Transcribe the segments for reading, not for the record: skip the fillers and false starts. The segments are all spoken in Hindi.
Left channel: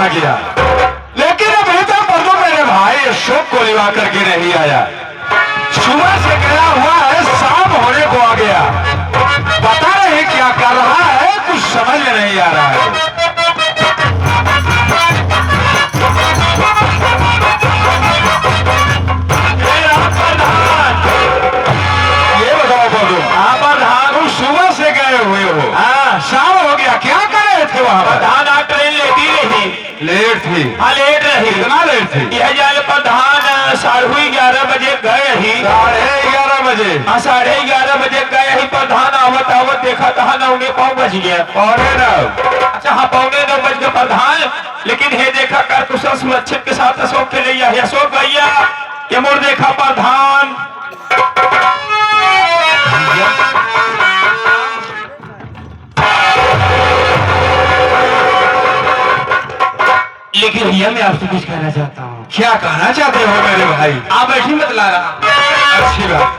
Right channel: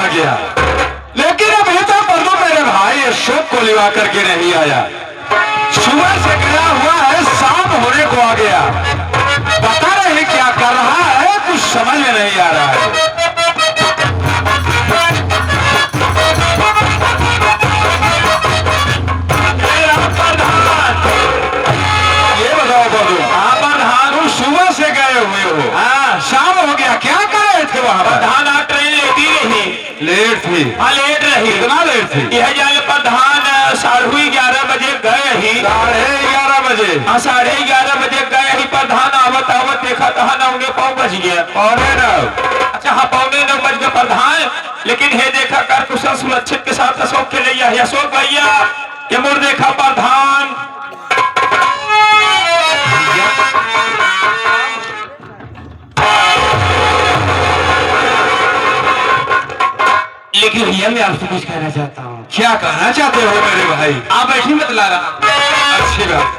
आ गया, लेकिन अभी तक पर्दों मेरे भाई अशोक को लिवा करके नहीं आया। सुबह से गया हुआ है, शाम होने को आ गया, पता नहीं क्या कर रहा है, कुछ समझ में नहीं आ रहा है। ये बताओ पर्दों, आप प्रधान सुबह से गए हुए हो, हाँ शाम हो गया, क्या कर रहे थे वहाँ? प्रधान आप ट्रेन लेती नहीं, लेट थी। हाँ लेट रही, कितना लेट थी? यह जाल प्रधान 11:30 बजे गए ही, 11:30 बजे? हाँ 11:30 बजे गए ही प्रधान। आवत आवत देखा कहा ना उन्हें 9 बज गया। 9:15? अच्छा हाँ 9:15 बज गए प्रधान, लेकिन हे देखा कर कुशल सुरक्षित के साथ अशोक के लिए अशोक भैया ये मोर देखा प्रधान। लेकिन भैया मैं आपसे कुछ कहना चाहता हूँ। क्या कहना चाहते हो मेरे भाई? आप बैठी बतला रहा। अच्छी बात।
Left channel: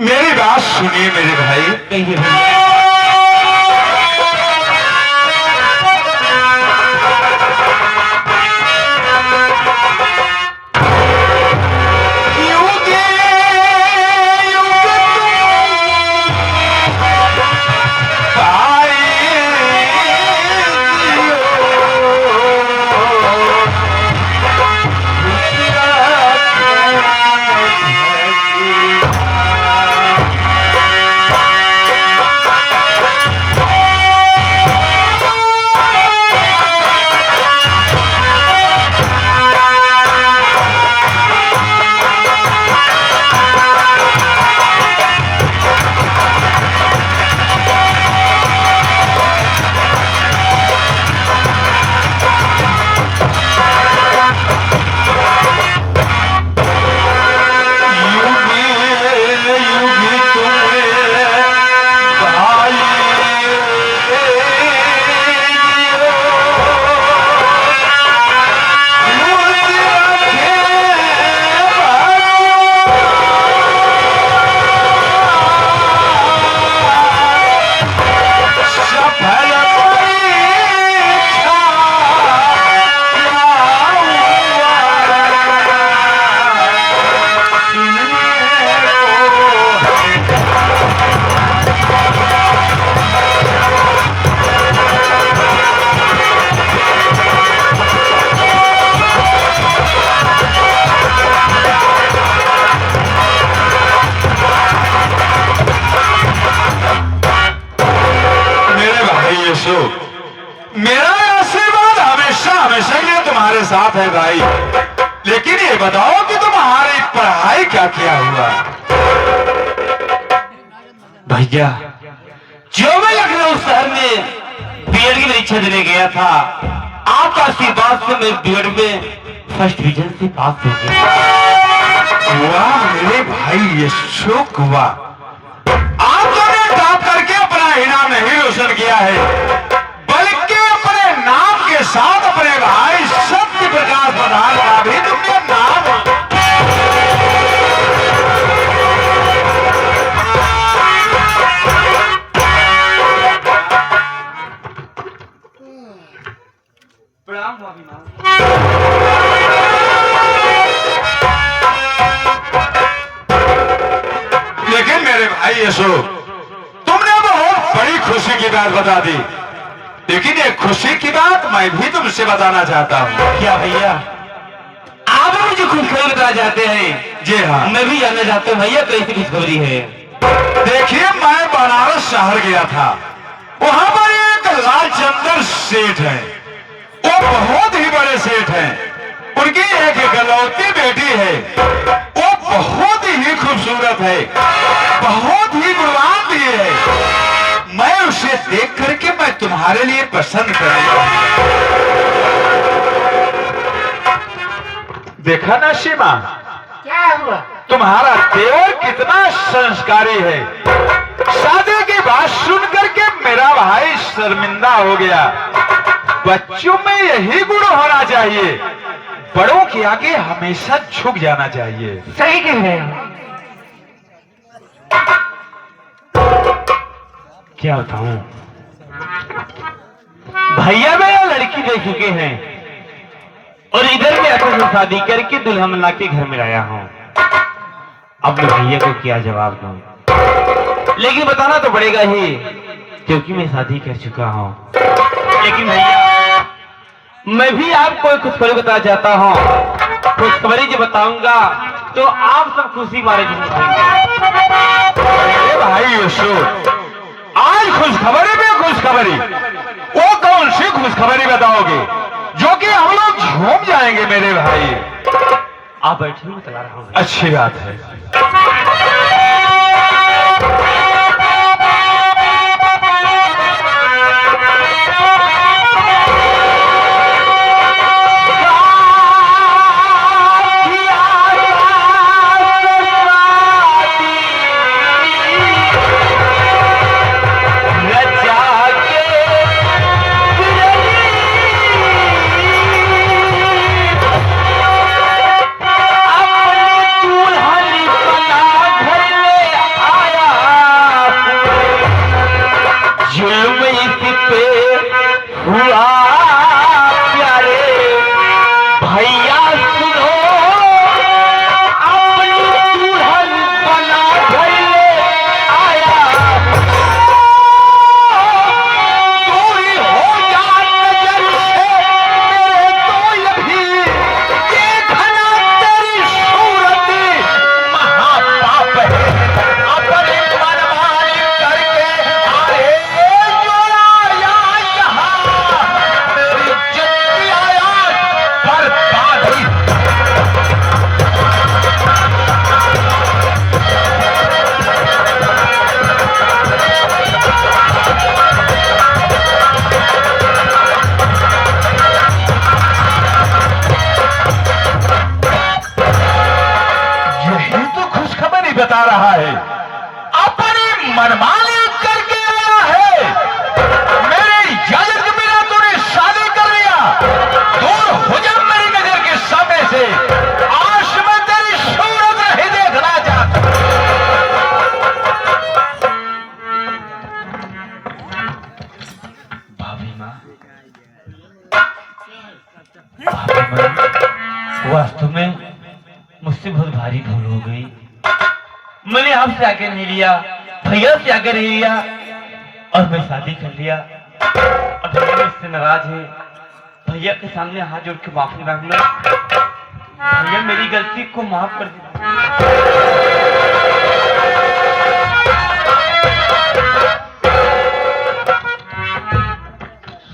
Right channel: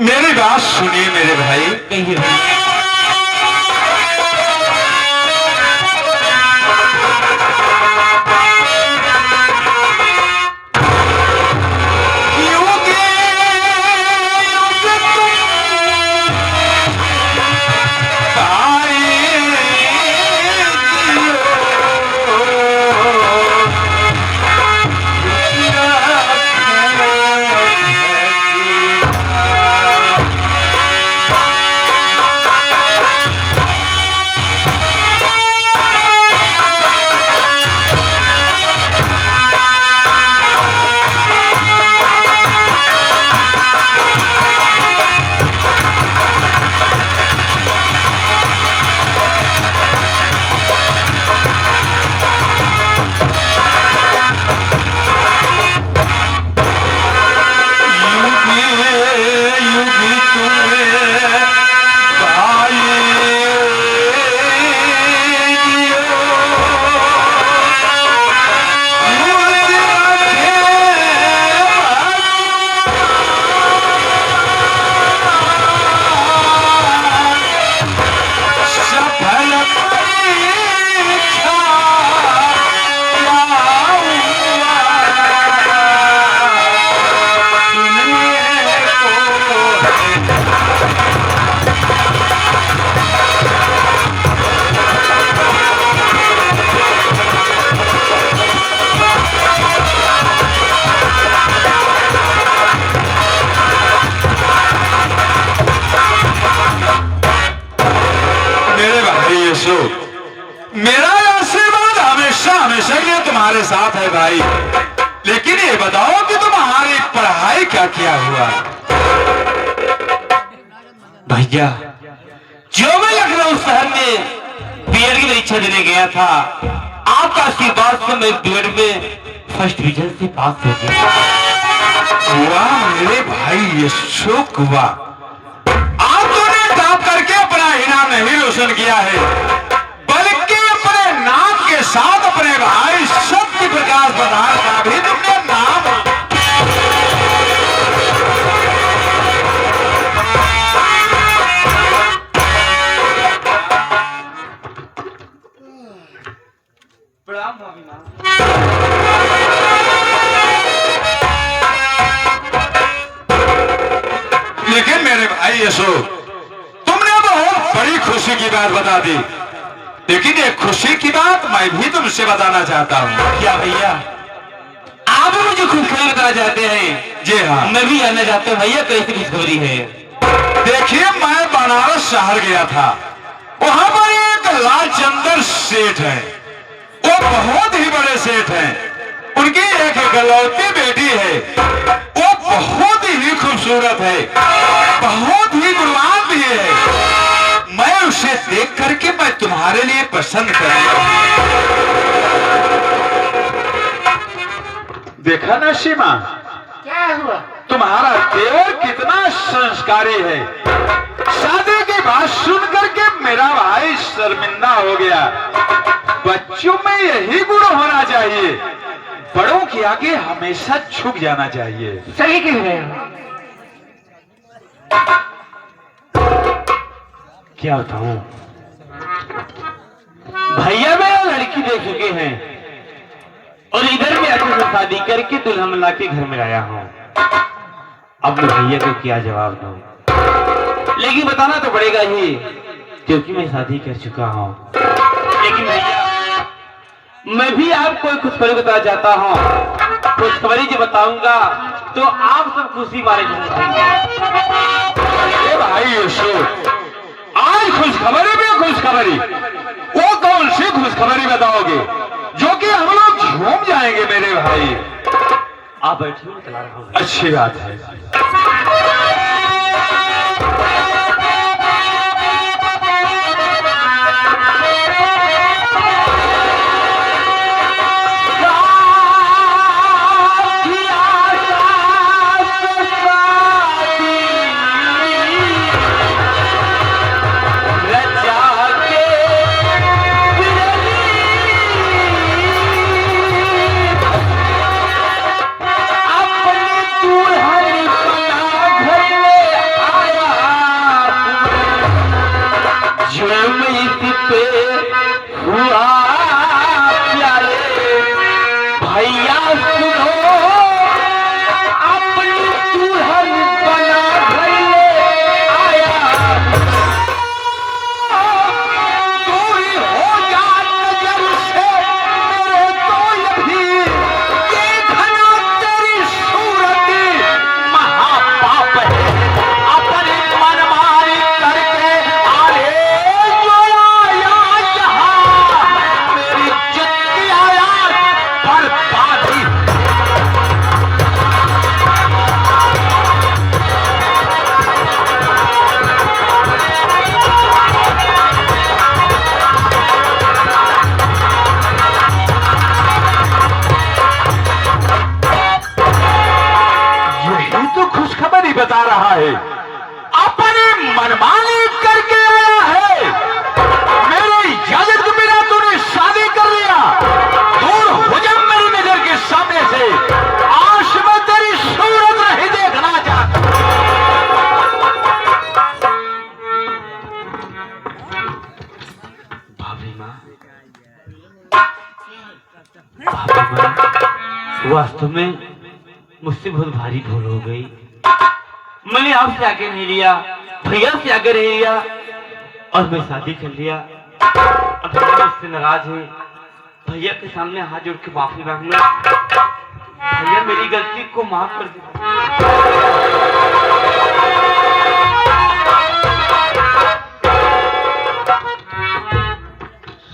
मेरी बात सुनिए मेरे भाई। कहिए भैया। मेरा आशीर्वाद हमेशा हमेशा के लिए तुम्हारे साथ है भाई, लेकिन ये बताओ कि तुम्हारी पढ़ाई का क्या हुआ? भैया, जो मैं लखनऊ शहर में बीएड की परीक्षा देने गया था, आपका आशीर्वाद से मैं बीएड में फर्स्ट डिवीजन से पास हो गया। वाह मेरे भाई, ये सुख हुआ। आप तुमने टॉप करके अपना इनाम नहीं रोशन किया है, बल्कि अपने नाम के साथ अपने भाई सत्य प्रकाश प्रधान का भी तुमने नाम प्रणाम भाभी माँ। लेकिन मेरे भाई अशोक, तुमने बहुत बड़ी खुशी की बात बता दी, लेकिन ये खुशी की बात मैं भी तुमसे बताना चाहता हूँ। क्या भैया, आप मुझे खुशखबरी बताना चाहते हैं? जी हाँ, मैं भी जानना चाहता हूँ भैया, कैसी खुशखबरी है? देखिए, मैं बनारस शहर गया था, वहां पर एक लालचंदर सेठ है, वो बहुत ही बड़े सेठ हैं, उनकी एक इकलौती बेटी है, वो बहुत ही खूबसूरत है, बहुत ही गुणवान भी है। मैं उसे देख करके मैं तुम्हारे लिए पसंद करूंगा। देखा ना सीमा, क्या हुआ? तुम्हारा देवर कितना संस्कारी है। शादी की बात सुन करके मेरा भाई शर्मिंदा हो गया। बच्चों में यही गुण होना चाहिए, बड़ों के आगे हमेशा झुक जाना चाहिए। सही कह रहे हो। क्या बताऊं भैया, मैं यह लड़की देख चुके हैं और इधर भी आकर मैं शादी करके दुल्हा मिला के घर में लाया हूँ। अब मैं भैया को क्या जवाब दूं? लेकिन बताना तो पड़ेगा ही, क्योंकि मैं शादी कर चुका हूँ। लेकिन भैया, मैं भी आपको एक खुशखबरी बताना चाहता हूँ। खुशखबरी जो बताऊंगा तो आप सब खुशी मारे अरे भाई अशोक, आज खुशखबरी पे खुशखबरी, वो कौन सी खुशखबरी बताओगे जो कि हम लोग झूम जाएंगे मेरे भाई? आप बैठिए, मैं चला रहा हूँ। अच्छी बात है। बता रहा है, अपनी मनमानी करके आया है। मेरे इजाजत के बिना तूने शादी कर लिया, दूर हो जा मेरी नजर के सामने से। आज मैं तेरी सूरत नहीं देखना चाहता। भाभी माँ, वास्तव में मुझसे बहुत भारी भूल हो गई। मैंने आपसे आगे नहीं लिया, भैया से आगे नहीं लिया और मैं शादी कर लिया। और भैया इससे नाराज है। भैया के सामने हाथ जोड़ के माफी मांग लो। भैया, मेरी गलती को माफ कर दो।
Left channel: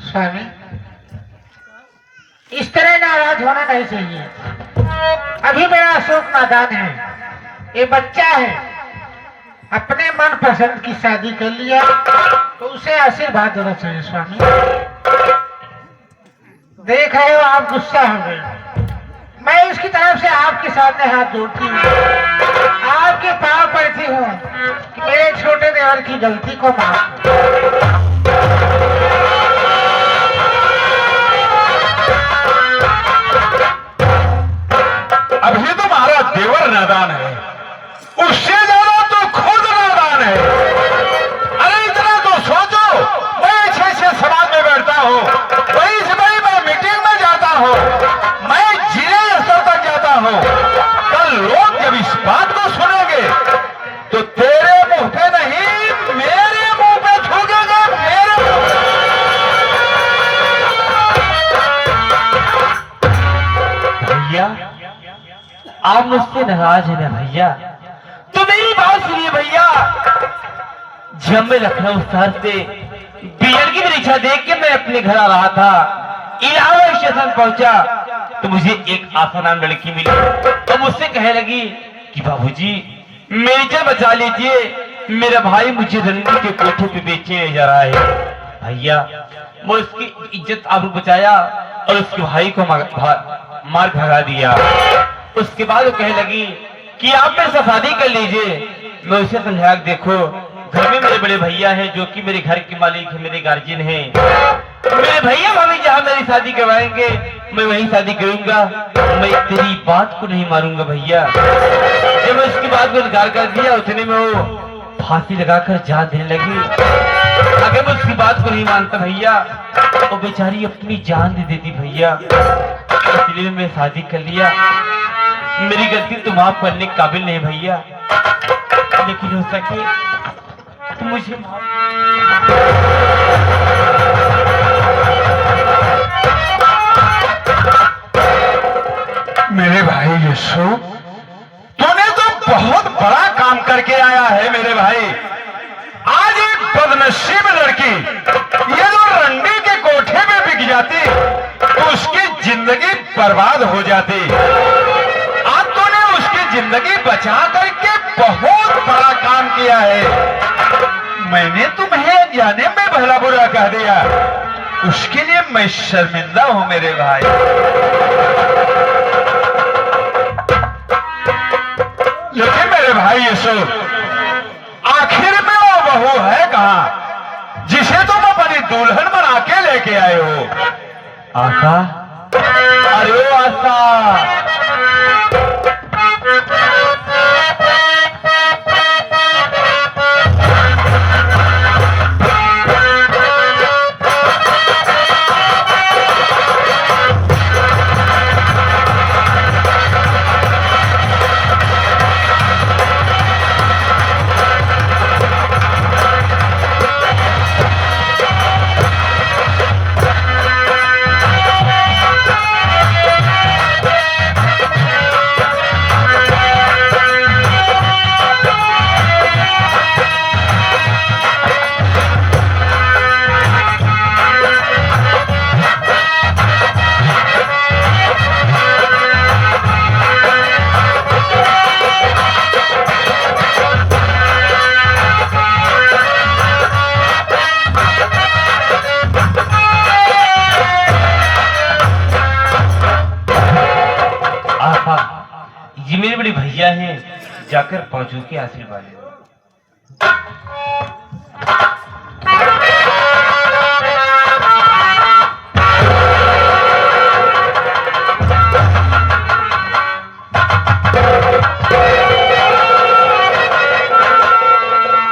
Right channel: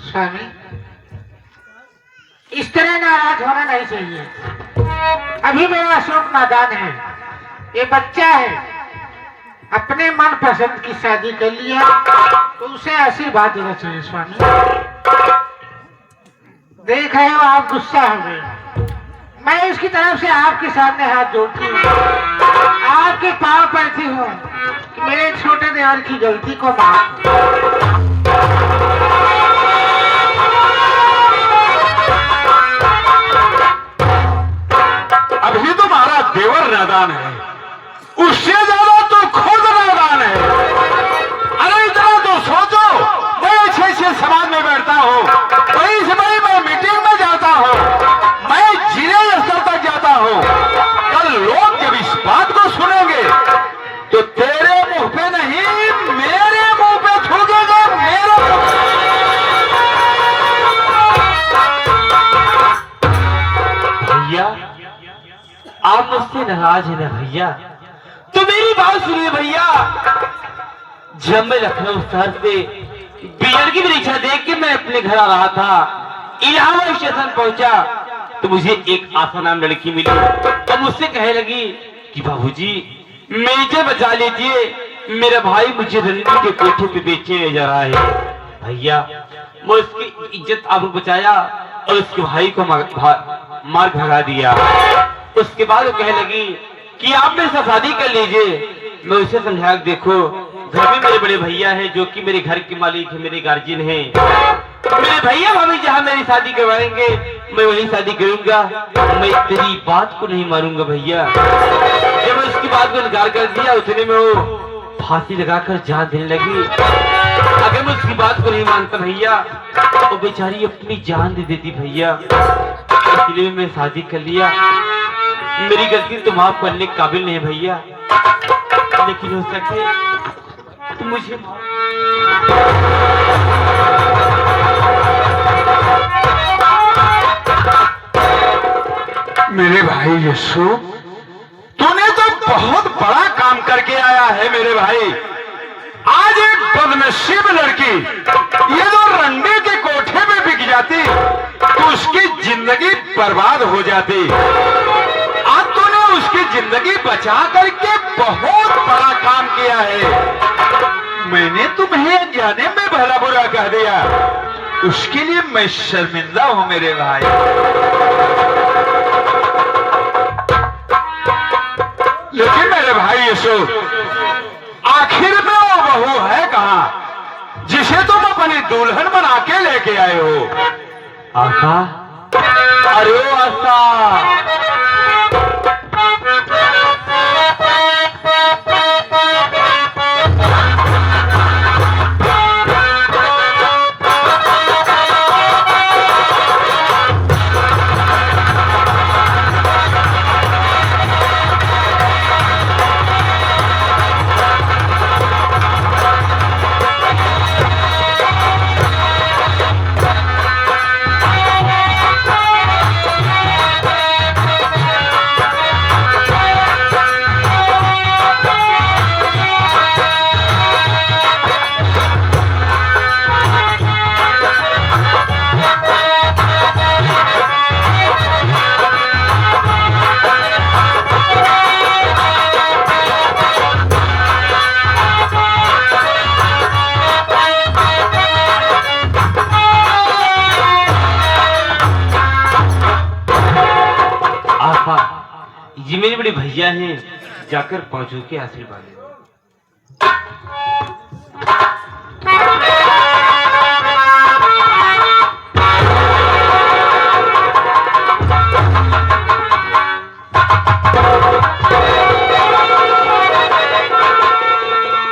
स्वामी, इस तरह नाराज होना नहीं चाहिए। अभी मेरा अशोक नादान है, ये बच्चा है, अपने मन पसंद की शादी कर लिया तो उसे आशीर्वाद देना चाहिए स्वामी। देख रहे हो आप गुस्सा हो गए, मैं इसकी तरफ से आपके सामने हाथ जोड़ती हूँ, आपके पाँव पड़ती हूँ कि मेरे छोटे देवर की गलती को माफ करो। अभी तुम्हारा देवर नादान है, उससे ज्यादा तो खुद नादान है। अरे इतना तो सोचो, मैं अच्छे से समाज में बैठता हूँ, बड़ी से बड़ी मैं मीटिंग में जाता हूँ, मैं जिले स्तर तक जाता हूँ। कल लोग जब इस बात को सुनेंगे तो तेरे मुंह पे नहीं, मेरे मुंह पे थूकेंगे, मेरे मुंह पे। भैया आप मुझसे नाराज है ना भैया? तो मेरी बात सुनिए भैया। जब मैं लखनऊ शहर से बीएड की परीक्षा देख के मैं अपने घर आ रहा था, इलाहाबाद स्टेशन पहुंचा तो मुझे एक आशा नाम लड़की मिली और मुझसे कहने लगी कि बाबूजी मेरी जान बचा लीजिए, मेरा भाई मुझे रंडी के कोठे पे बेचने ले जा रहा है। भैया मैं उसकी इज्जत आपको बचाया और उसके भाई को मार भगा दिया। उसके बाद वो कहने लगी कि आप मेरे साथ शादी कर लीजिए। मैं उसे समझाया, देखो घर में मेरे बड़े भैया हैं जो कि मेरे घर के मालिक है, मेरे गार्जियन हैं। मेरे भैया भाभी जहाँ मेरी शादी करवाएंगे मैं वहीं शादी करूंगा, मैं तेरी बात को नहीं मारूंगा भैया। जब मैं उसकी बात को इनकार कर दिया उतने में वो फांसी लगाकर जान देने लगी। अगर मैं उसकी बात को नहीं मानता भैया वो बेचारी अपनी जान दे देती भैया, इसलिए मैं शादी कर लिया। मेरी गलती तो माफ करने के काबिल नहीं भैया, लेकिन हो सके तो मुझे मेरे भाई यशु, तूने तो बहुत बड़ा काम करके आया है मेरे भाई। आज एक बदनसीब लड़की ये जो रंडी के कोठे में बिक जाती तो उसकी जिंदगी बर्बाद हो जाती। आज तूने उसकी जिंदगी बचा करके बहुत बड़ा काम किया है। मैंने तुम्हें अनजाने में भला बुरा कह दिया, उसके लिए मैं शर्मिंदा हूं मेरे भाई। लेकिन मेरे भाई यशु, आखिर में वो बहू है कहां जिसे तुम अपनी दुल्हन बना के लेके आए हो? आशा, अरे ओ आशा, ये मेरे बड़े भैया हैं, जाकर पहुंचो के आशीर्वाद।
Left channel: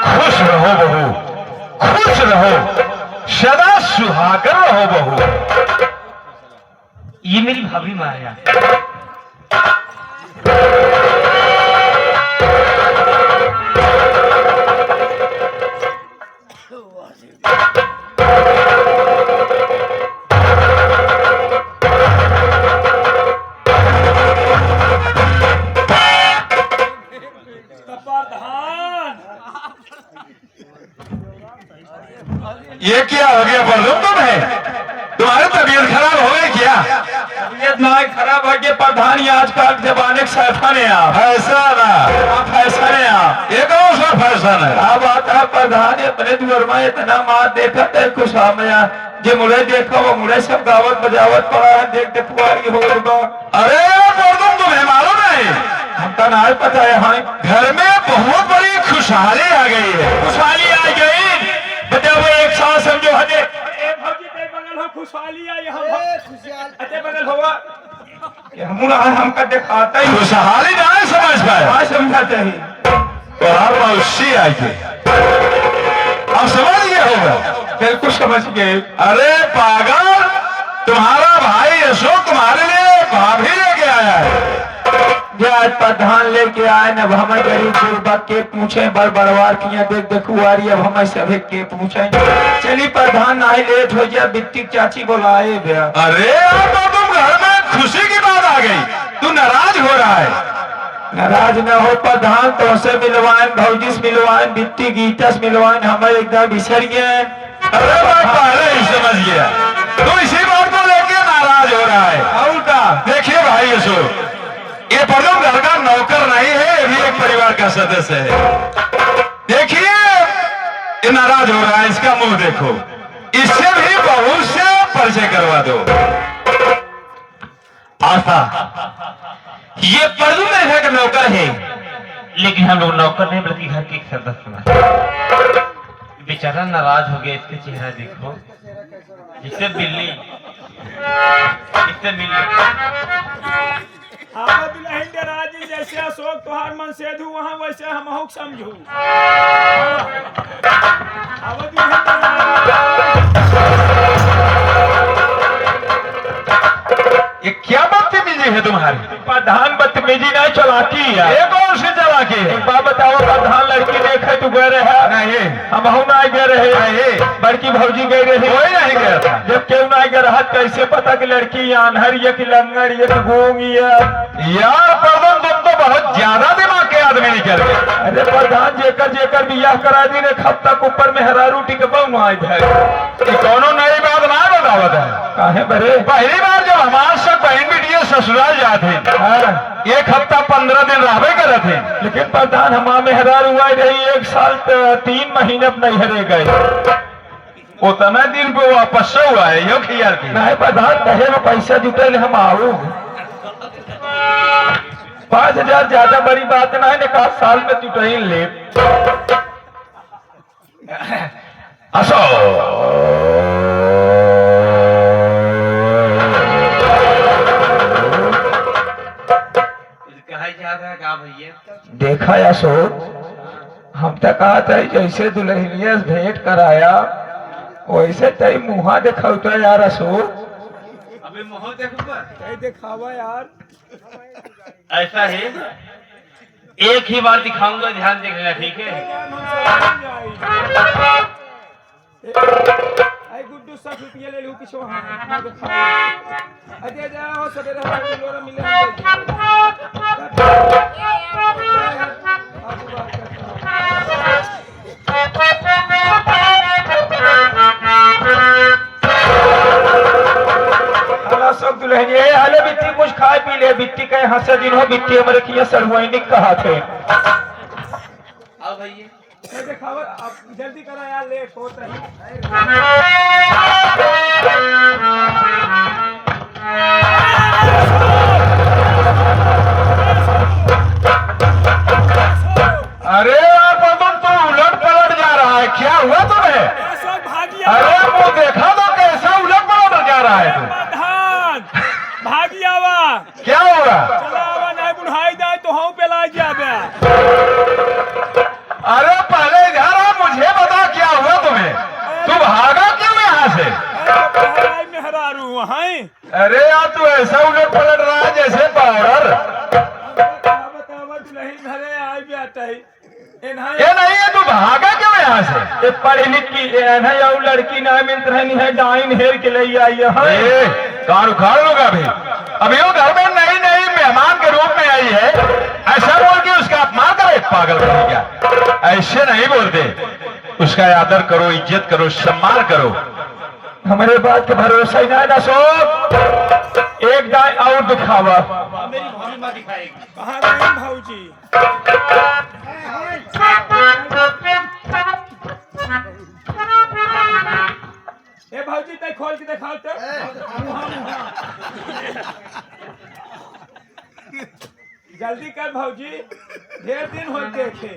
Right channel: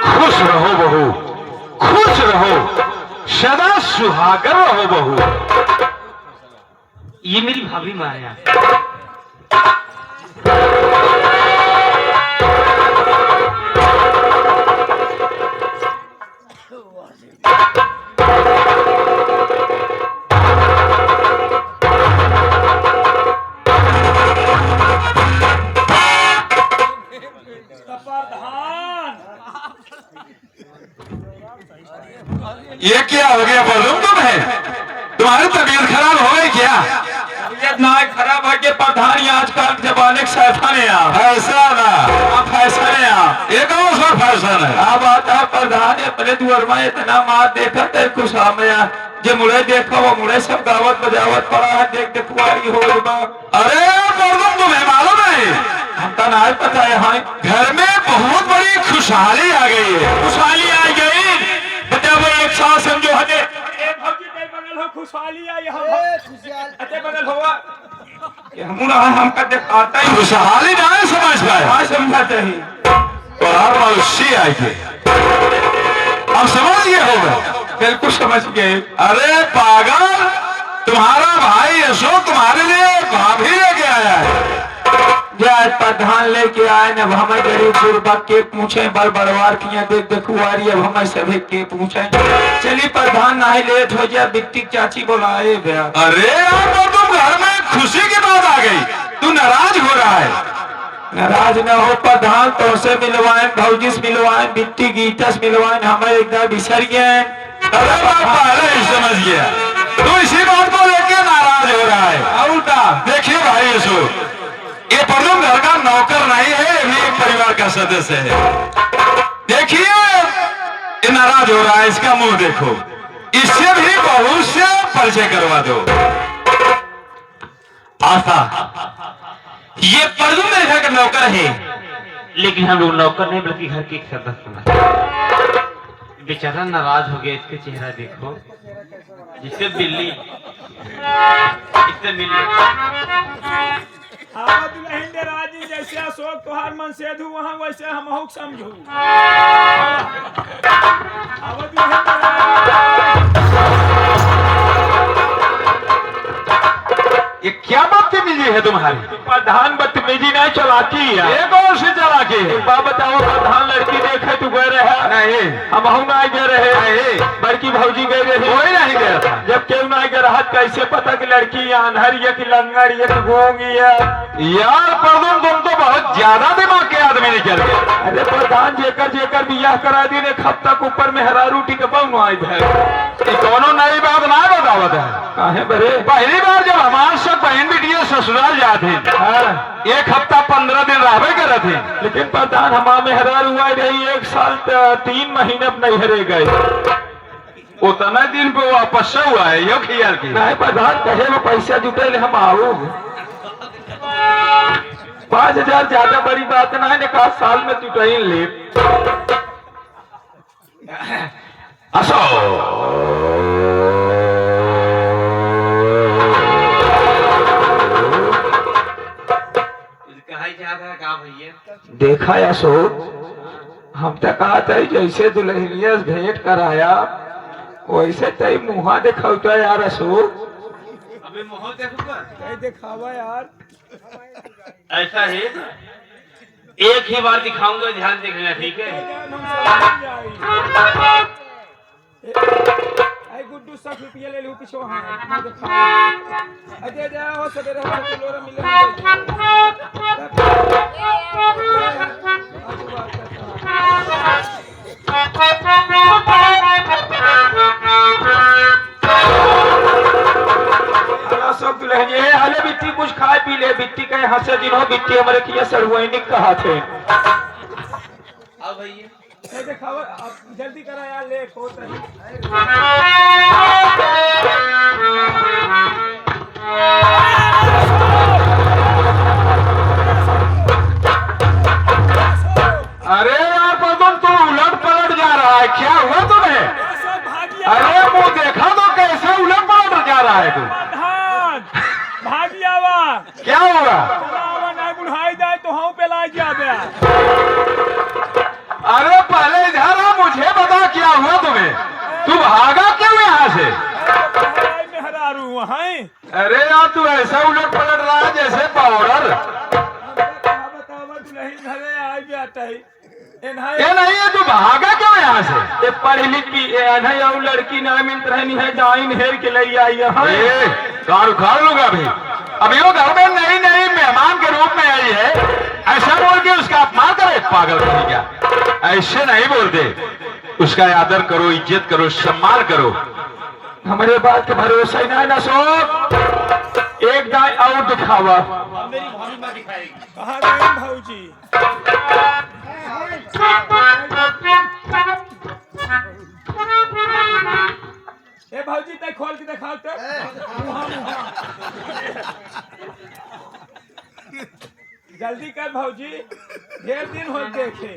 खुश रहो बहू, खुश रहो, सदा सुहागर रहो बहू। ये मेरी भाभी माया। ये क्या हो गया प्रधान? तुम्हें तुम्हारी तबीयत खराब हो गई क्या? तबीयत ना खराब हो गई प्रधान, यहाँ आजकल के जमाने के फैशन है आप, फैशन आप फैशन है आप। एक और सा फैशन है। अब आता प्रधान अपने दुआर में इतना मार देखा तो खुश हमें जो मुड़े देखा वो मुड़े सब गावत बजावत पड़ा है, देख देखुआरी हो बा। अरे मर्दम तुम्हें मालूम है हमका ना पता है हाँ घर में बहुत बड़ी खुशहाली आ गई है। खुशहाली आ गई बताओ भाई एक साथ समझो हजे भौजी कई बनल हो खुशहाली आई हम अते बनल हुआ हमका दिखाता ही खुशहाली ना समझ पाए हाँ समझाते ही तो हर मनुष्य आई थे। अब समझ गए होगा। बिल्कुल समझ गए। अरे पागल, तुम्हारा भाई अशोक तुम्हारे लिए भाभी लेके आया है। जे आज प्रधान लेके आए न, अब हमें गरीब गुरबत के पूछे बड़ बड़वार किया देख देखुआरी, अब हमें सभी के पूछे। चलिए प्रधान ना ही लेट हो गया, बिट्टी चाची बुलाए भैया। अरे अब तो तुम घर में खुशी की बात आ गई, तू नाराज हो रहा है। नाराज न हो प्रधान, तो से मिलवाए भौजी से मिलवाए बिट्टी गीता से मिलवाए, हमें एकदम बिसर गए। अरे मैं पहले ही समझ गया तू इसी बात को लेके नाराज हो रहा है। और का देखिए भाई अशोक, ये प्रथम घर का नौकर नहीं है, ये भी एक परिवार का सदस्य है। देखिए ये नाराज हो रहा है, इसका मुंह देखो, इससे भी बहू से परिचय करवा दो। आशा, ये प्रथम घर का नौकर है। लेकिन हम लोग नौकर नहीं बल्कि घर के एक सदस्य हैं। बेचारा नाराज हो गया, इसके चेहरा देखो, जिससे बिल्ली इससे मिली। आवा दुल्हन दे राजी जैसे अशोक तोहार मन से धू वहां वैसे हम हुक समझू। आवा दुल्हन दे राजी। ये क्या बदतमीजी है तुम्हारी? प्रधान बदतमीजी नहीं चलाकी है। एक और से चला के एक बात बताओ, प्रधान लड़की देखे तू गए रहे नहीं, हम हूं ना गए रहे, बड़की भौजी गई रही, कोई नहीं गया था। जब क्यों ना गए रहा कैसे पता कि लड़की अनहर ये कि लंगड़ ये कि गूंग ये। यार प्रथम तुम तो बहुत ज्यादा दिमाग के आदमी निकल गए। अरे प्रधान जेकर जेकर बियाह करा दिन एक हफ्ता के ऊपर में हरा रोटी के बहु आई है। ये कोनो नई बात ना बतावत है। काहे बरे पहली बार जब हमारे सब बहन बेटियां ससुराल जाते हाँ, एक हफ्ता 15 दिन रहबे करे थे। लेकिन प्रधान हमारे में हरार हुआ रही 1 साल 3 महीने अब नहीं हरे गए। उतना दिन पे वापस से हुआ है यो खियाल की। नहीं प्रधान कहे में पैसा जुटे हम आओ 5000 ज्यादा बड़ी बात ना है, निकाल साल में टूटे ले। देखा अशोक, हम तो कहा था जैसे दुल्हनिया से भेंट कराया वैसे तई मुहा दिखौता यार अशोक। अभी माहौल देखूंगा, तई दिखावा यार। ऐसा है एक ही बार दिखाऊंगा, ध्यान देख लेना, ठीक है? हम समझ जाई। आई गुड्डू 60 रुपया ले लूं पिछो हां मैं दिखाओ। अजय जाओ सवेरे हम किलो मिले हम आज बात करता हला सब दुल्हन ये हाले बिट्टी कुछ खाए पी ले, बिट्टी कहे हंसे दिन हो, बिट्टी हमारे किया सड़ुआइनिक कहा थे। आओ भैया, दिखाओ आप जल्दी करा यार, लेट हो तही। अरे यार पवन तो उलट पलट जा रहा है, क्या हुआ तुम्हें? अरे वो देखा तो कैसा उलट पलट जा रहा है तू। भागियावा क्या हो रहा? चलावा नहीं बुढ़ाई जाए तो हम पे ला जाबे। अरे पहले इधर आ, मुझे बता क्या हुआ तुम्हें? तू भागा क्यों यहाँ से? मेहरारू हैं। अरे यार तू ऐसा उलट पलट रहा है जैसे पाउडर। बतावा दुल्हन घरे आई जाता है ये नहीं है, तू भागा क्यों यहाँ से? पढ़ी लिखी नहीं और लड़की नहीं मिलत रहनी है, डाइन हेर के लिए आई है। कार उखाड़ लूंगा अभी। अभी वो घर में नई नई मेहमान के रूप में आई है, ऐसा बोल के उसका अपमान करे? पागल कहीं क्या, ऐसे नहीं बोलते। उसका आदर करो, इज्जत करो, सम्मान करो। हमारे बात का भरोसा ही नहीं ना। सो एक दाई और दिखावा। अब मेरी भाभी माँ दिखाएगी। कहाँ गए भाऊजी? ए भाऊजी तय खोल के दिखाओ तो मुहा मुहा जल्दी कर भाऊजी, ढेर दिन हो देखे।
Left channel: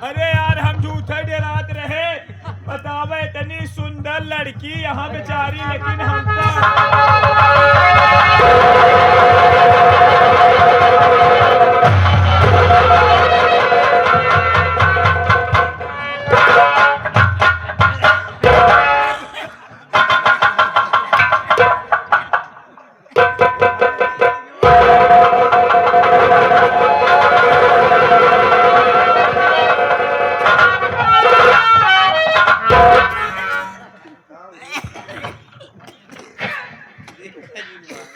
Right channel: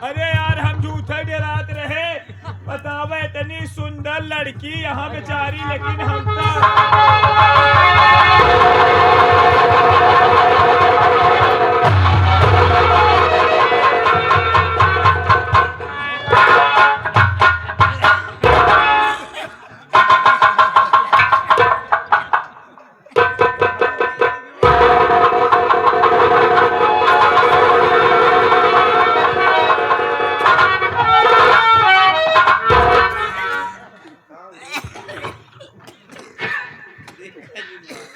अरे यार हम झूठे डेरात रहे, बतावे इतनी सुंदर लड़की यहाँ बेचारी, लेकिन हम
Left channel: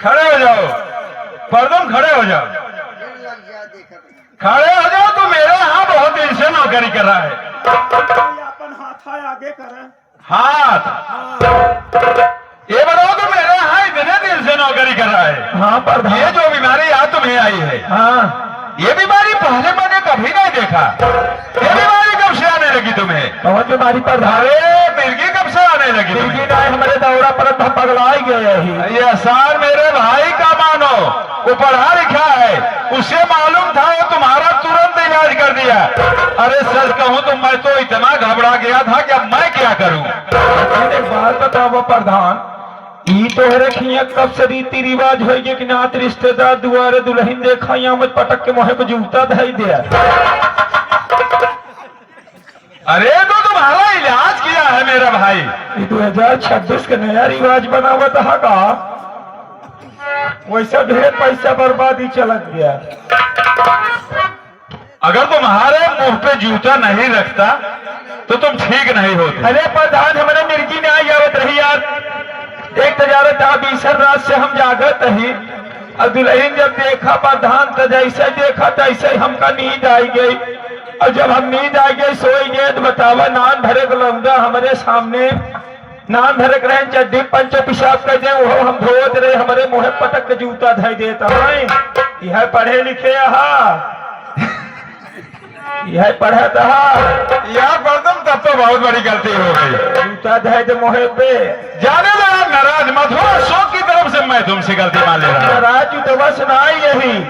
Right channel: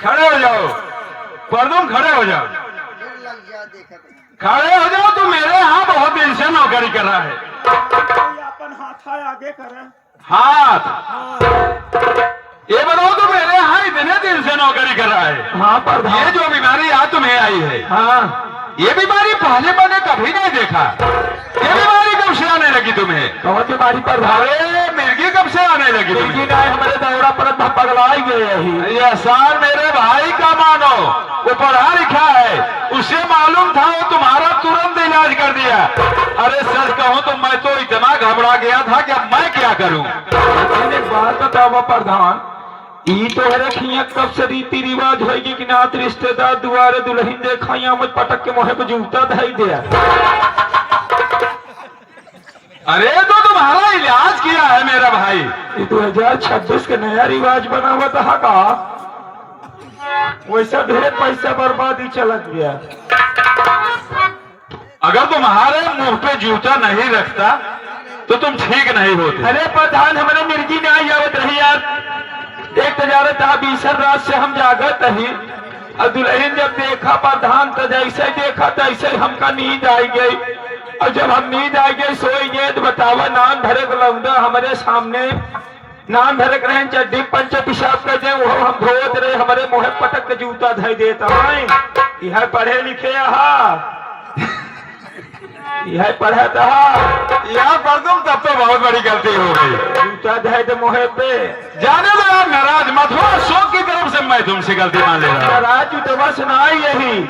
खड़े हो जाओ, परदम खड़े हो जाओ, खड़े हो जाओ। तू मेरे यहाँ बहुत दिन से नौकरी कर रहा है। अपन हाथ आगे कर। हाथ ये बताओ, तो मेरे यहाँ इतने दिन से नौकरी कर रहा है। हाँ पर ये जो बीमारी आज तुम्हें आई है, हाँ ये बीमारी पहले मैंने कभी नहीं देखा। ये बीमारी कब से आने लगी तुम्हें? बहुत बीमारी पर अरे मिर्गी कब से आने लगी तुम्हें? हमारे दौरा पर पगला ही गए ही। ये एहसान मेरे भाई का मानो, वो पढ़ा लिखा है, उसे मालूम था, वो तुम्हारा तुरंत इलाज कर दिया। अरे सच कहूँ तो मैं तो इतना घबरा गया था कि अब मैं क्या करूँ। एक बात बताओ प्रधान, ई तो रखिए कब से रीति रिवाज हो कि नात रिश्तेदार दुआरे दुल्हन देखा या मत पटक के मुहे पे जूता धाई दिया। अरे तो तुम्हारा इलाज किया है मेरा भाई। 2026 का नया रिवाज बनावा था का, वैसा ढेर पैसा बर्बादी चलत गया। अगर तुम्हारे मुंह पे जूता नहीं रखता तो तुम ठीक नहीं होते। अरे प्रधान हमारे मिर्गी ने आई आवत रही यार, एक तजारत था बीसर रात से हम जागत ही, और दुल्हन जब देखा प्रधान तो जैसे देखा तैसे हमका नींद आई गई, और जब हम नींद आ गई सोई गए तो बतावा नाम धरे लौंडा हमारे सामने नाम धरक रहे चड्डी पंच पिशाब कर दे, वो हम धोत रहे, हमारे मुँह पटक के जूता धाई देता है। यह पढ़े लिखे यह पढ़ा था यहाँ पर तुम तब तो बहुत बड़ी गलती हो गई। जूता धाई दे मुँह पे। जाने दो आप नाराज मत हो, अशोक की तरफ से मैं तुमसे गलती मान ले रहा हूँ। राजू तो बस ना यही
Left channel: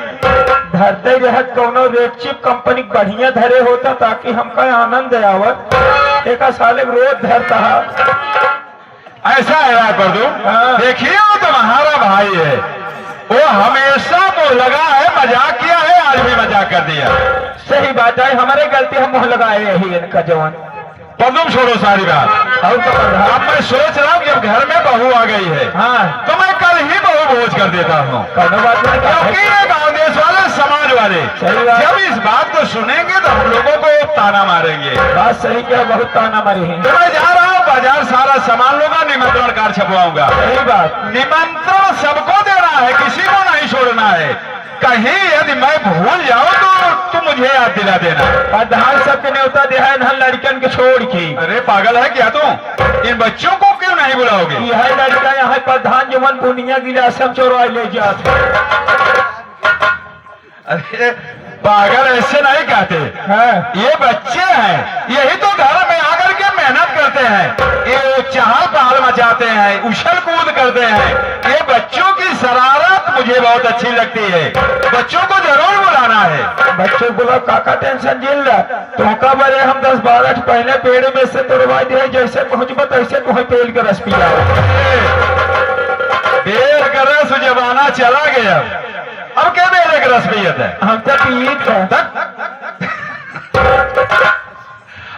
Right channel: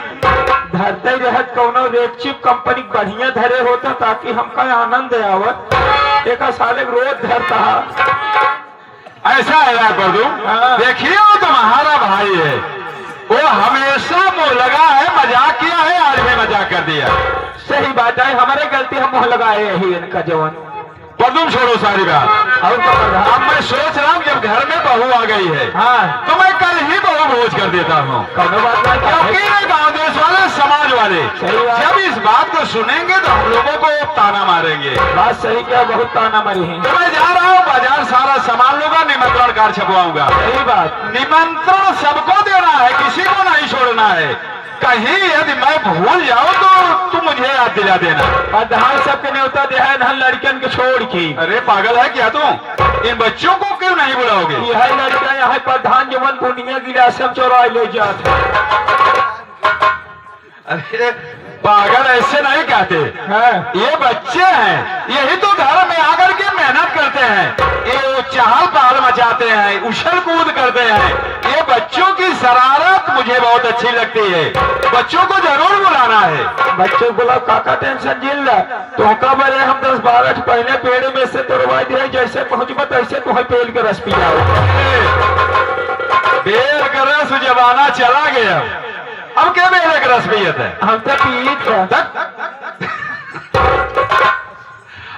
धरते रहत कोनो रेपचिप कंपनी बढ़िया धरे होता ताकि हमका आनंद आवत, एक साले रोज धरता। ऐसा है यार पर तुम देखिए, वो तुम्हारा भाई है, वो हमेशा मुंह लगा है, मजाक किया है, आज भी मजाक कर दिया। सही बात है, हमारे गलती हम मुँह लगाए यही इनका जवान। पर तुम छोड़ो सारी बात, अब मैं सोच रहा हूँ जब घर में बहू आ गई है, हाँ तो मैं कल ही बहू भोज कर देता हूँ। क्योंकि ये गाँव देश वाले समाज वाले जब इस बात को सुनेंगे तो हम लोगों को ताना मारेंगे। बात सही क्या, बहुत ताना मारी है। तो मैं जा रहा हूँ बाजार, सारा सामान लूंगा, निमंत्रण कार्ड छपवाऊंगा। सही बात, निमंत्रण सबको देना है, किसी को नहीं छोड़ना है। कहीं यदि मैं भूल जाऊं तो तुम मुझे याद दिला देना। प्रधान सबके न्योता दिया है, नहल लड़कन के छोड़ के। अरे पागल है क्या तुम? इन बच्चों को क्यों नहीं बुलाओगे? यह लड़का यहाँ प्रधान जवन बुनिया गिरा सब चोरा ले जाते। अरे पागल ऐसे नहीं कहते हाँ। ये बच्चे हैं, यही तो घर में आकर के मेहनत करते हैं, ये चहल पहल मचाते हैं, उछल कूद करते हैं। ये बच्चों की शरारत मुझे बहुत अच्छी लगती है, बच्चों को जरूर बुलाना है। बच्चों बोला काका टेंशन झेल रहा, तो का बड़े हम 10-12 पहले पेड़ में से तोड़वा दिए, जैसे पहुंचबा तैसे तुम्हें पेड़ का रस पिया। बेर का रस जमाना चला गया, अब क्या बेर का रस पियत है? हम तो पीत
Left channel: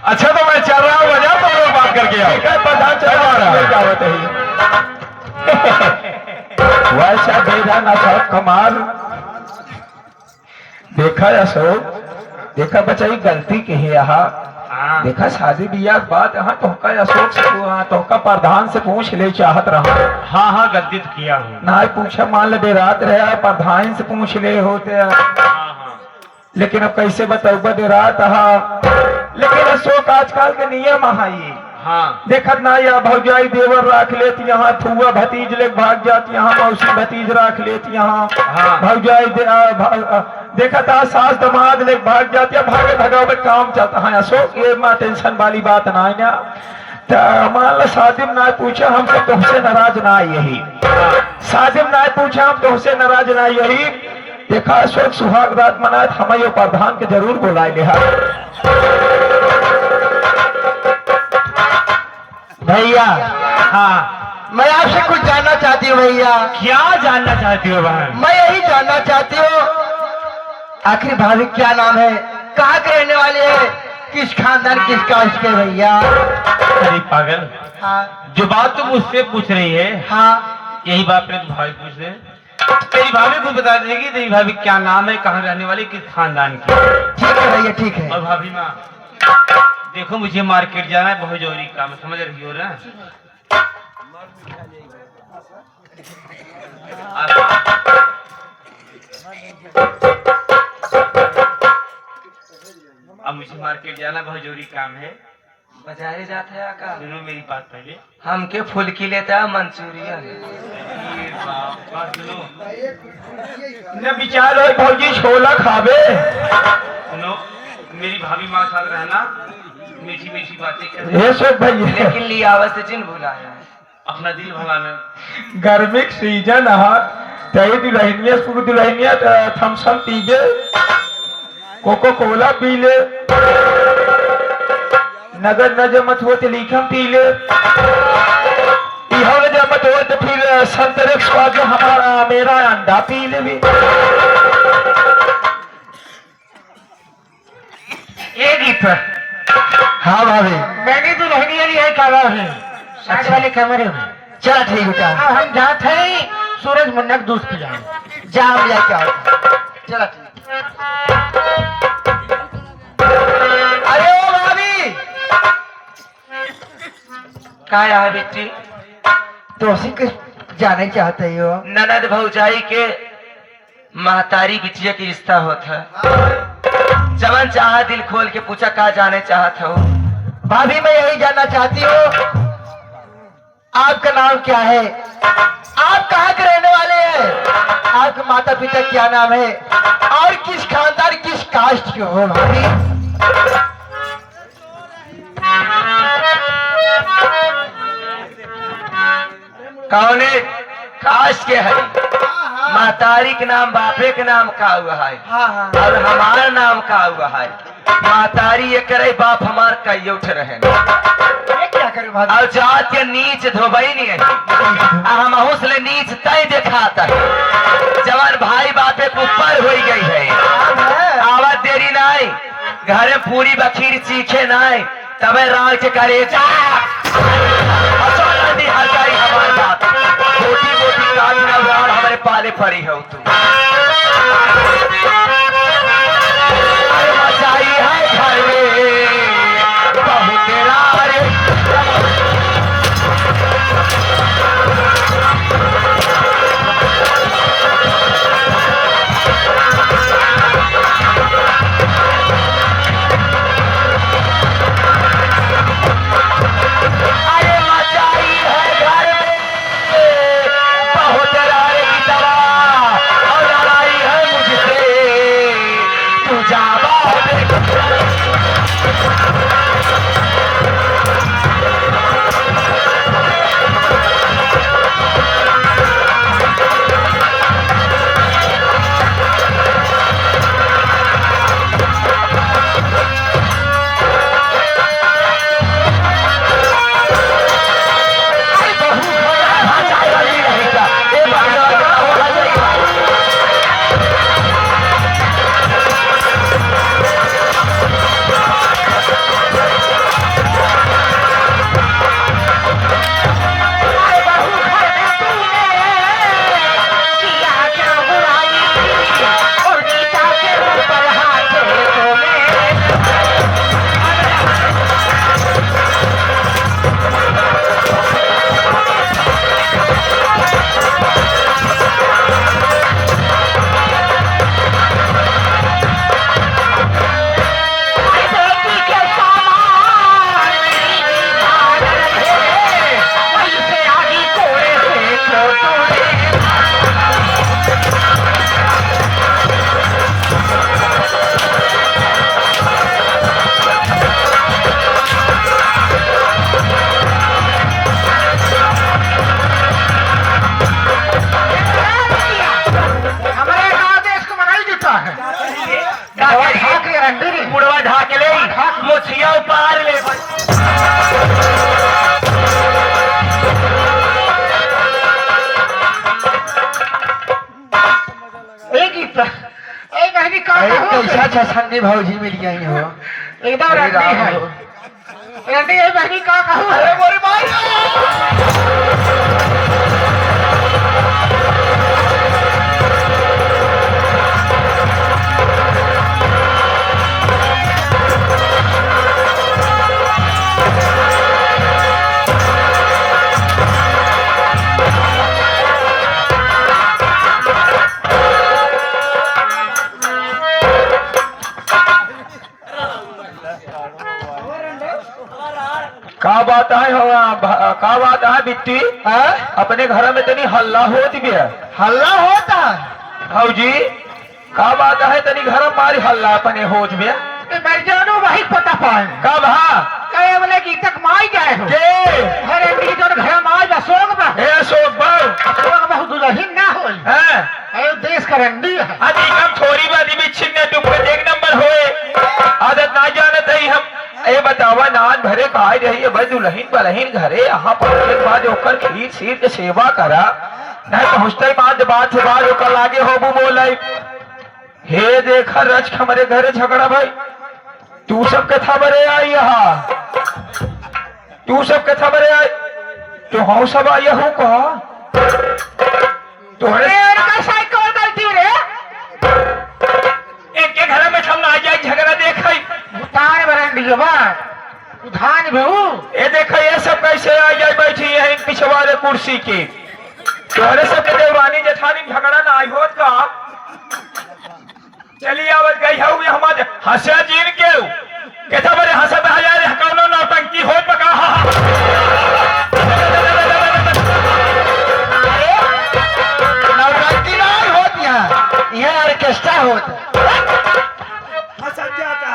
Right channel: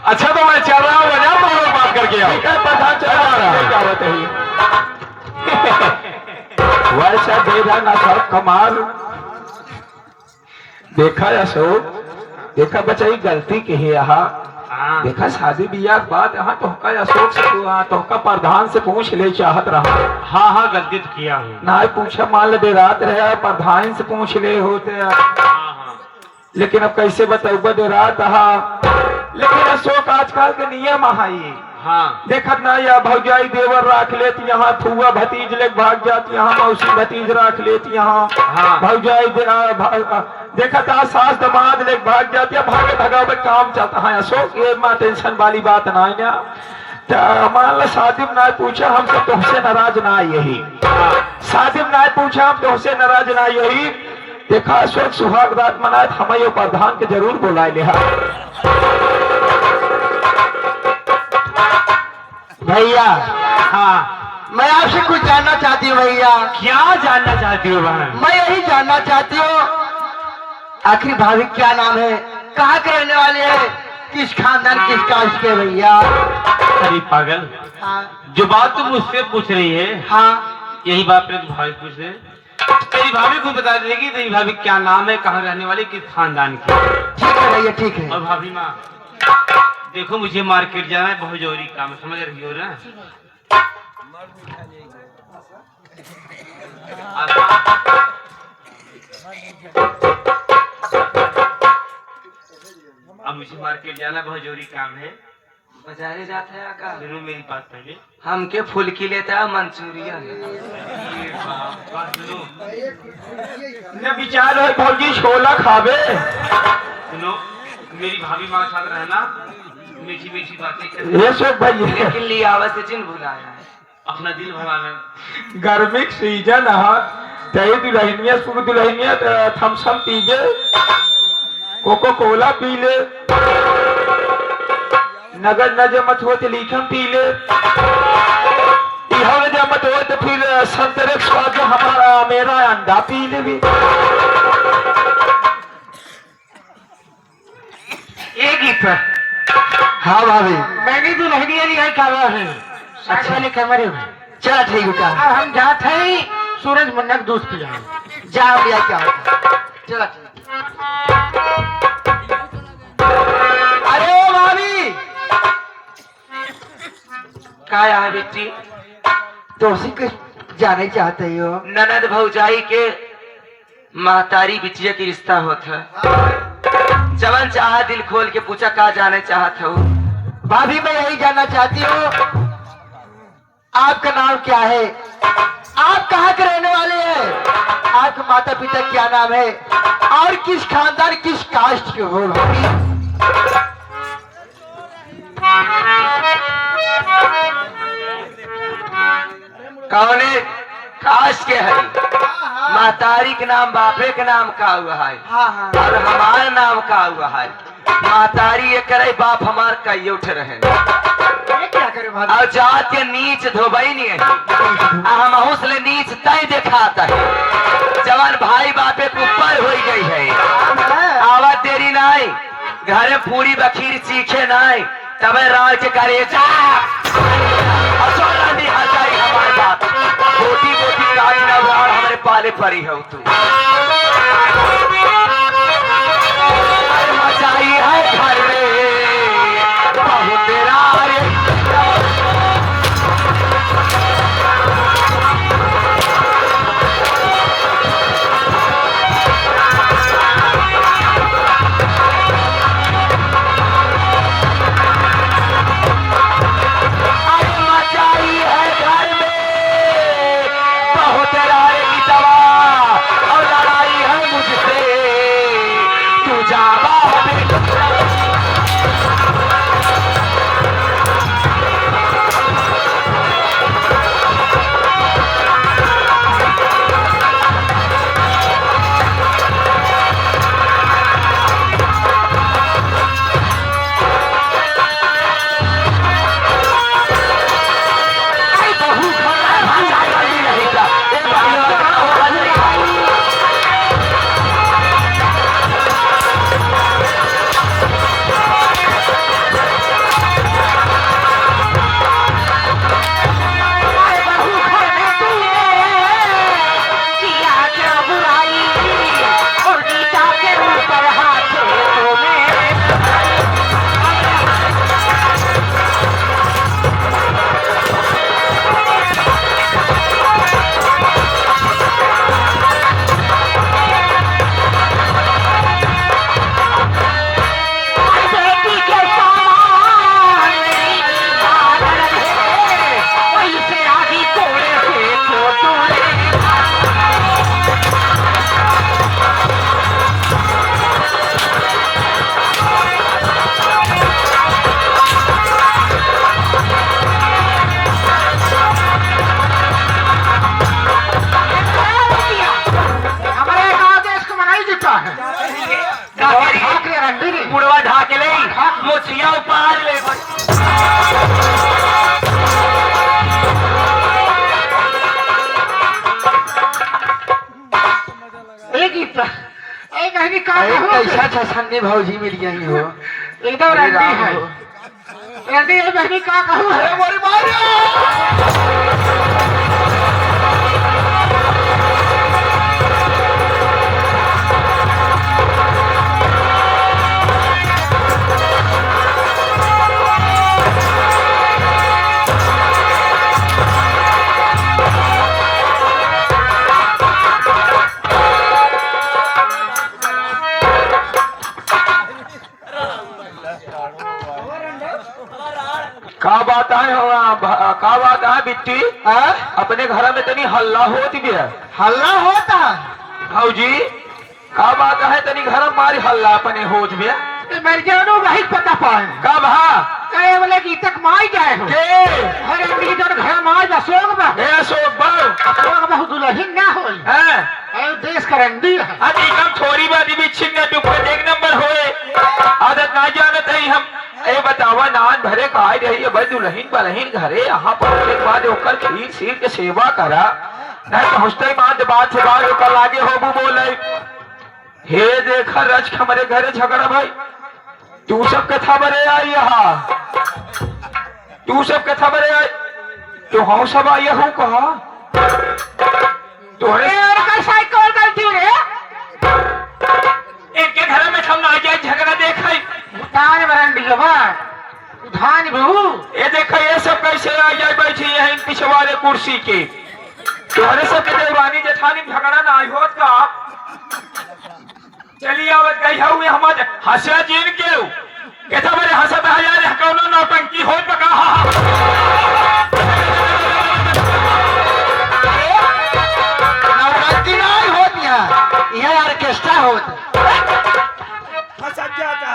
अच्छा तो मैं चल रहा हूँ बाजार, तुम लोग बात करके आओ। प्रधान चला रहा वैसा बेरा ना था कमाल। देखा अशोक, देखा बचाई गलती की है यहाँ। देखा शादी बियाह के बाद यहाँ तोहका अशोक से तोहका प्रधान से पूछ ले चाहत रहा। हाँ हाँ गलती तो किया हूँ। ना पूछा मान ले रात रहे प्रधान से पूछ ले होते, लेकिन अब कैसे बताऊगा दे रात। लेकिन अशोक आजकल के नियम है, हाँ। देखत ना या भौजाई देवर राख लेती यहाँ, फुआ भतीज ले भाग जाती यहाँ, मौसी भतीज राख लेती यहाँ, हाँ। भौजाई देखत आ सास दमाद ले भाग जाती है, भागे भगावे काम चलता है। अशोक ये मां टेंशन वाली बात ना है ना। तो मान लो शादी में ना पूछा हम तो तुमसे नाराज ना यही, शादी में ना पूछा हम तुमसे नाराज ना यही। देखा अशोक सुहाग रात मनाए हमें प्रधान के जरूर बुलाए ले। भैया हाँ। मैं आपसे कुछ जानना चाहती हूँ भैया। क्या जानना चाहती हो बहन? मैं यही जानना चाहती हूँ आखिर भाभी क्या नाम है, कहाँ के रहने वाले हैं, किस खानदान किस कास्ट के भैया? अरे पागल, हाँ जो बात तुम मुझसे पूछ रही है हाँ यही बात मेरी भाभी पूछ रहे। तेरी भाभी को बता देगी तेरी भाभी क्या नाम है, कहाँ रहने वाली, किस खानदान की। ठीक है भैया ठीक है। और भाभी माँ देखो मुझे मार्केट जाना है, बहुत जरूरी काम, समझ रही हो ना? अब मुझे मार्केट जाना, बहुत जरूरी काम है। बाजारे जाते हैं का सुनो मेरी बात पहले। हमके फुल्की लेता है मंचूरियन। न विचार है भौजी छोला खावे। सुनो मेरी भाभी माँ साथ रहना, मीठी मीठी बातें कर, ये सब भैया लेकिन लियावत से जिन भुलाया अपना दिल भराना। गर्मी के सीजन है, तई दुल्हनिया सुख दुल्हनिया थम्सअप पीबे, कोको कोला पी ले, नगर न जमत हो तो लीखम पी ले, इहो न जमत हो तो फिर संतरे के स्वाद जो हमारा मेरा अंडा पी ले भी। एक ही पर हाँ भाभी मैंने तो नहीं लिया है क्या बात है, साथ वाले कैमरे में। चला ठीक बेटा, अब हम जाते हैं सूरज मुन्ना दूध पिया जाम लिया क्या चला ठीक। अरे ओ भाभी कहा है बेटी? तो उसी के जाने चाहते हो? ननद भौजाई के महतारी बिटिया की रिश्ता होता है। जवन चाहा दिल खोल के पूछा कहा जाने चाहत हो? भाभी मैं यही जानना चाहती हूँ आपका नाम क्या है, आप कहाँ के रहने वाले हैं, आपके माता पिता क्या नाम है और किस खानदान किस कास्ट के हो भाभी? कौने कास्ट के है? महतारी के नाम बापे के नाम का हुआ है और हमारा नाम का हुआ है। महतारी ये करे बाप हमार कई उठ रहे ये क्या करे भाभी? और जात के नीच धोबई नहीं है, हम हौसले नीच तय दिखाता है। जवान भाई बापे के ऊपर हो गई है, आवाज देरी नाई घरे पूरी बखीर चीखे नाई तबे राज करे जा हमारे बात मोटी मोटी काज नवार हमारे पाले पड़ी हो तू। अरे मचाई है घर में बहुत रारे ए बहनी का कैसा छछंदी भौजी मिल गई हो एकदम रंडी है रंडी ए बहनी का कहूँ अरे मोरी माया का बात है का बात है बिट्टी अपने घर में तनी हल्ला होत गया हल्ला होता भौजी का बात है तनी घर में मारी हल्ला अपने होत में मैं जानू वही पता पाए कब हा कहे बोले कि तक माई जाए हो के अरे डी जन घर माई बसोग बा ए अशोक बाऊ सोग बहुत दुल्हन ना होई हैं ए देश का रंडी है अजी हम थोड़ी बात भी छिन्ने टुक एक नंबर होए आदत ना जानत है हम ए बतावा नान भरे कहा रही है भाई दुल्हन बलहीन घरे यहाँ पहुंचे के बाद ओकर खीर सीर के सेवा करा नहीं पहुंचते बात से बाद ओकर लागे होबू बोले हे देखा रच हमारे घरे झगड़ा भाई तू सब के था बरे आई यहाँ तू सब के था बरे आई तो हाँ सब आई हूँ कहा तोहरे का साइकिल गलती रे एक के घर में हम आ जाए झगड़ा देखा उधान बरंडी बा उधान बहू ये देखो ये सब कैसे आ जाए बैठी है इन पिछवाड़े कुर्सी के तोहरे सब के देवरानी जेठानी झगड़ा ना आई होत का चलिए आवत गई हूँ हमारे हंसा जीन के कहता बड़े हंसत आ जाए कौनो नौटंकी हो पका नौटंकी नहीं होत यह ऑर्केस्ट्रा होत हंसत जाता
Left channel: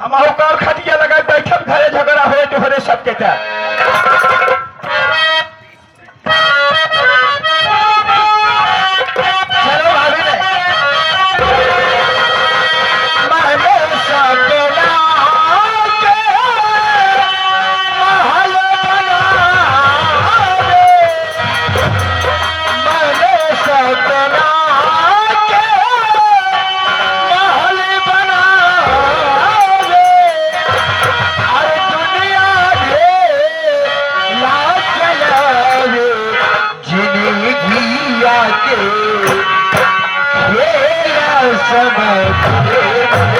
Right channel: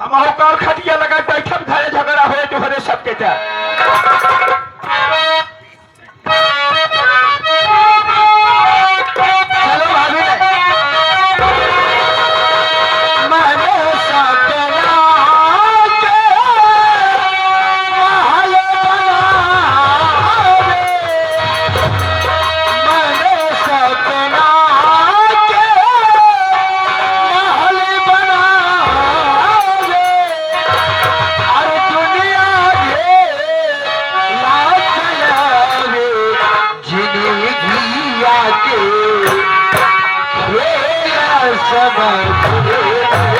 हम होकर खटिया लगा बैठक घरे झगड़ा हुए तोहरे सबके था समय